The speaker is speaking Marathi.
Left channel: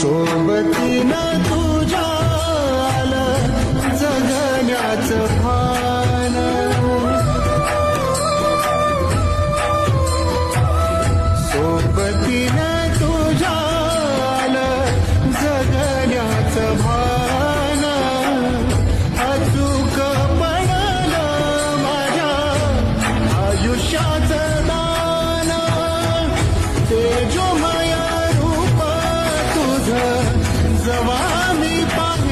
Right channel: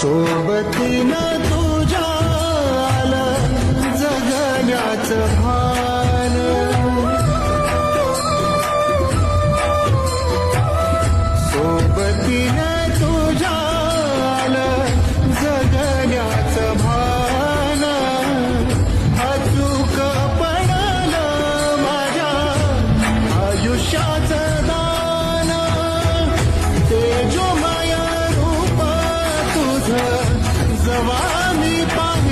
सोबतीनं तुझ्या आलं जगण्याचं भान सोबतीनं तुझ्या आलं जगण्याचं भान अचूक पडलं माझ्या आयुष्याचं दान तेजोमय रूप तुझं जवा मी पाहिलं